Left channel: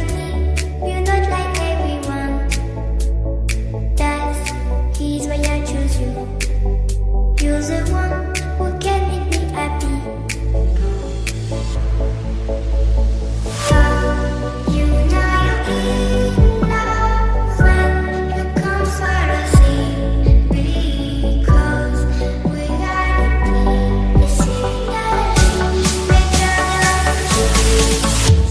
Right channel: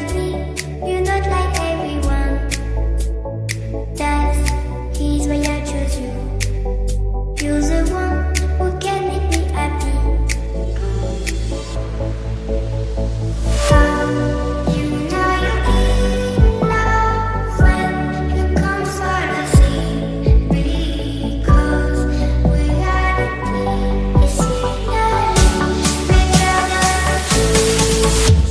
Without me, you're not like everyone. He's why I choose you. You're the one who can make me happy. How you know you're in love when you come for the same. Because we are the scenery better than trees.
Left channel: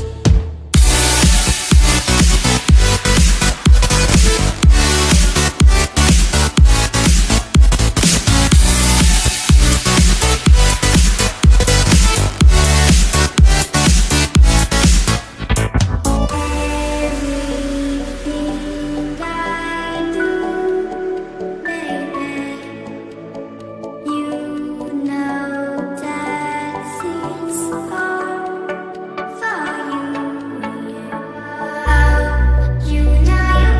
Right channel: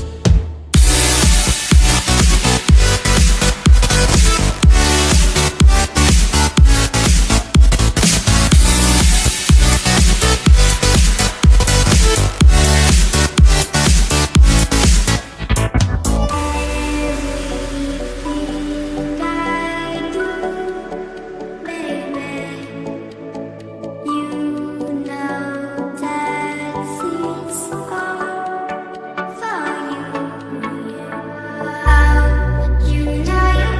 Everything I do, baby, you know that it's all for you. How you know you're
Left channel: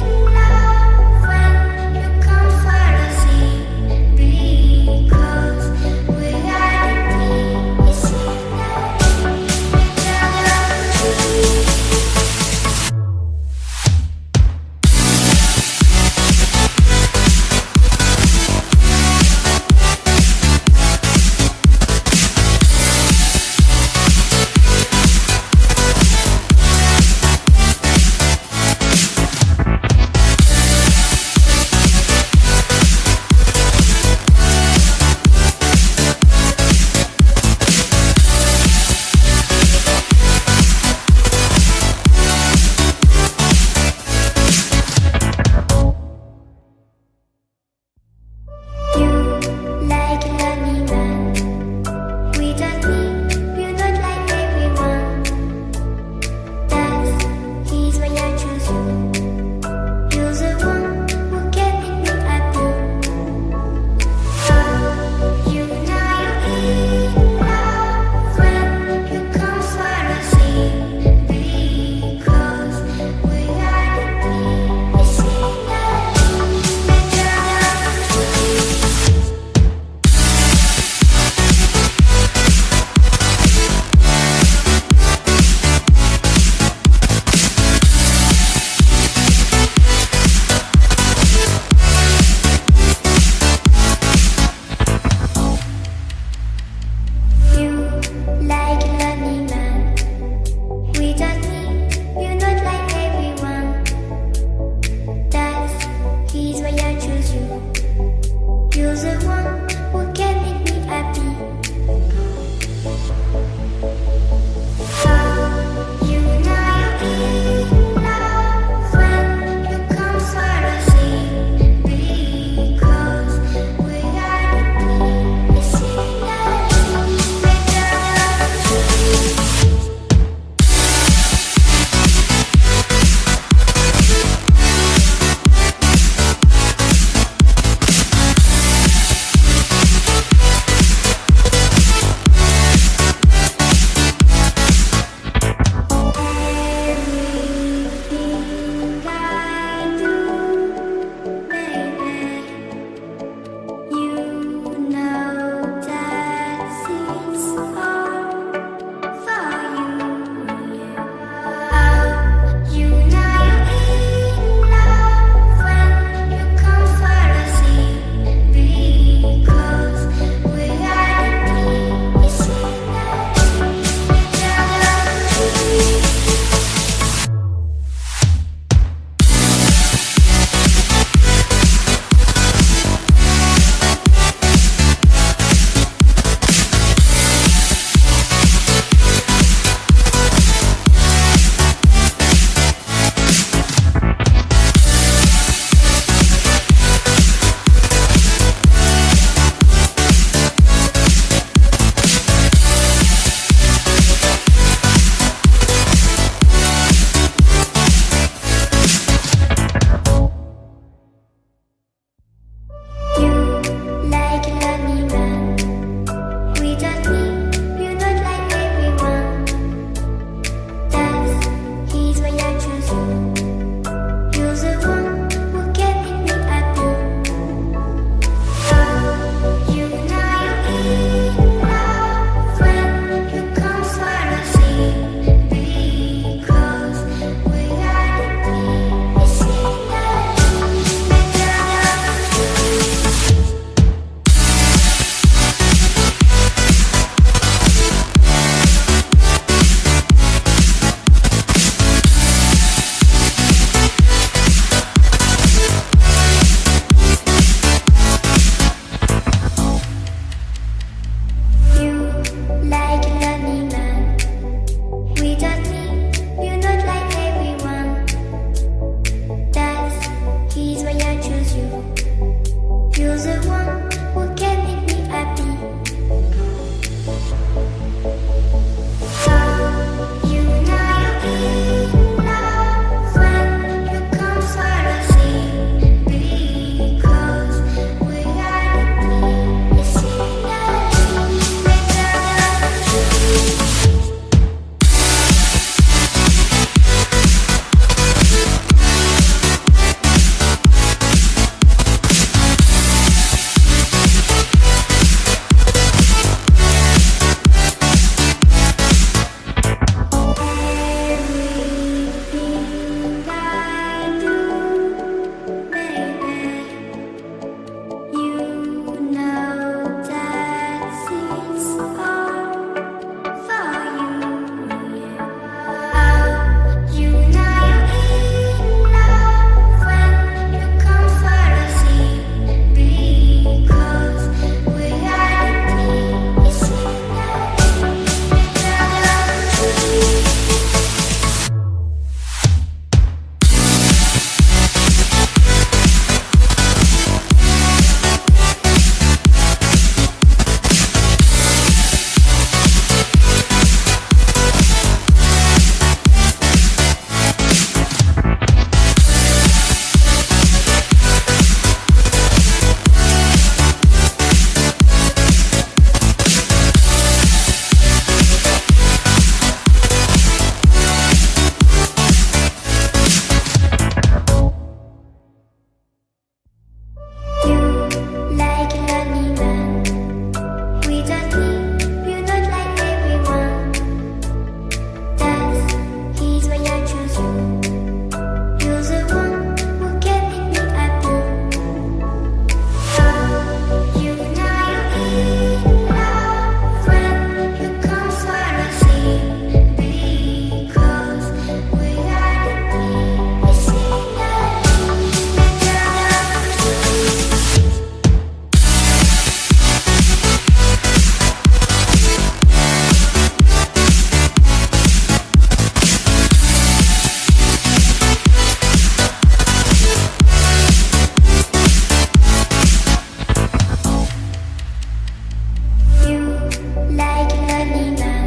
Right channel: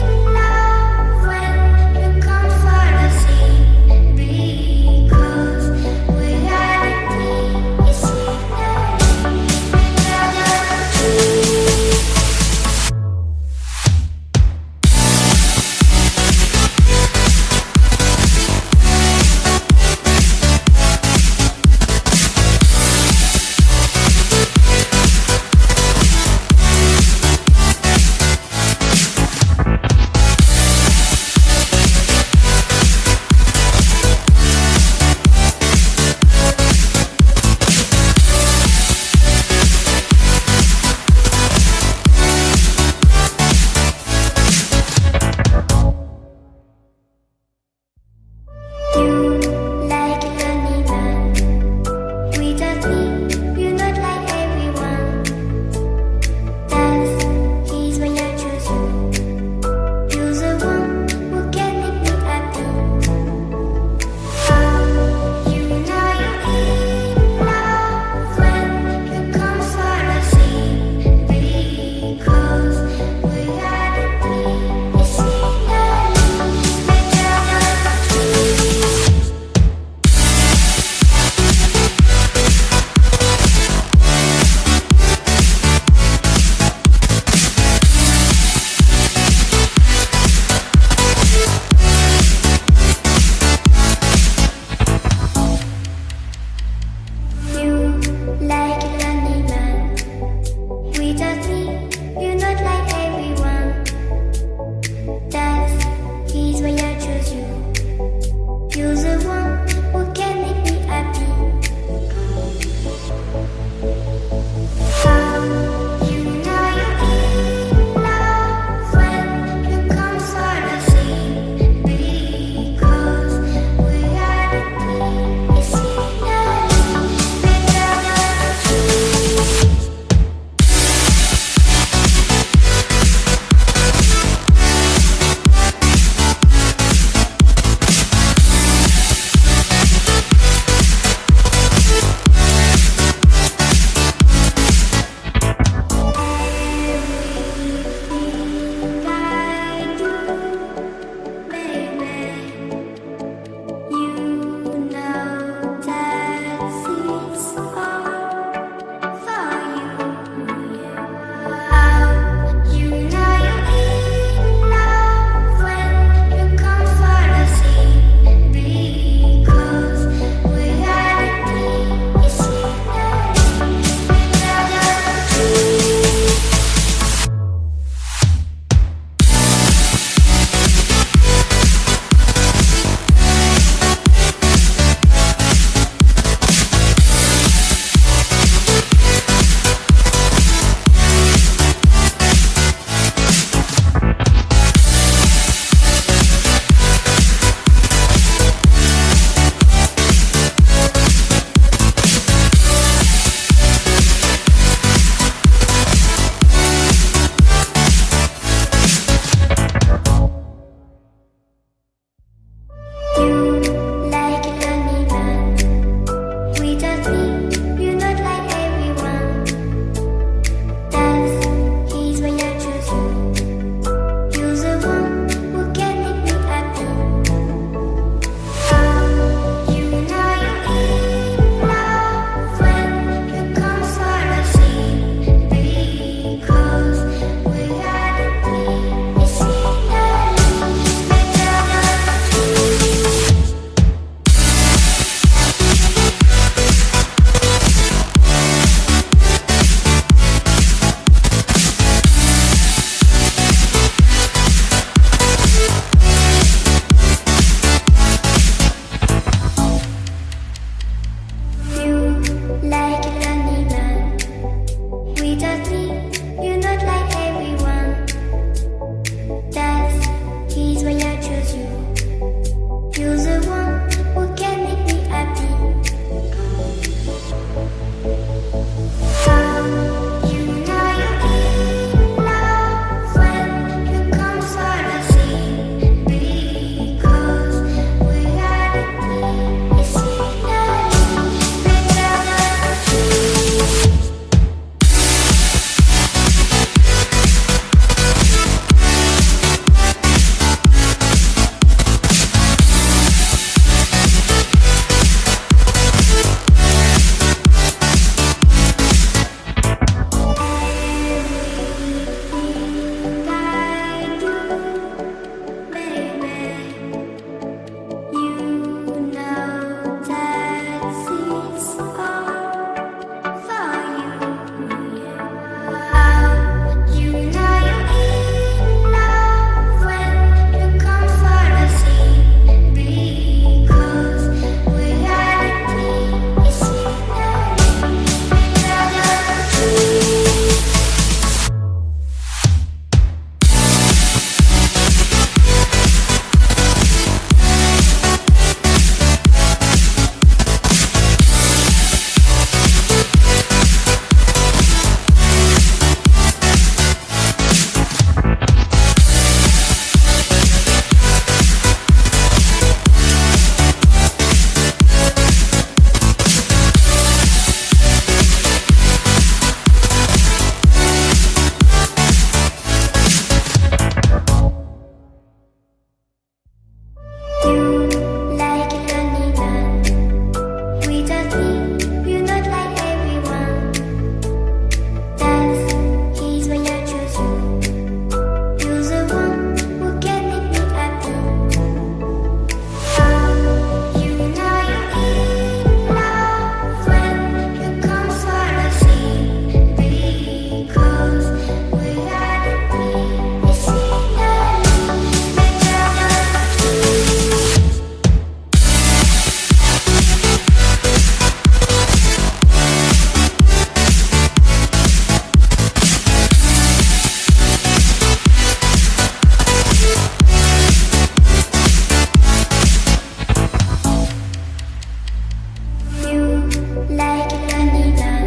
in love when you come for the same. Because we are the scenery better than trees. You like a lonely man. Without me, you're not like everyone. He's why I choose you. You're the one who can make me happy. How you know you're in love when you come for the same. Because we are the scenery better than trees. You like a lonely man. Without me, you're not like everyone. He's why I choose you. You're the one who can make me happy. How you know you're in love when you come for the same. Because we are the scenery better than trees. like La Nina.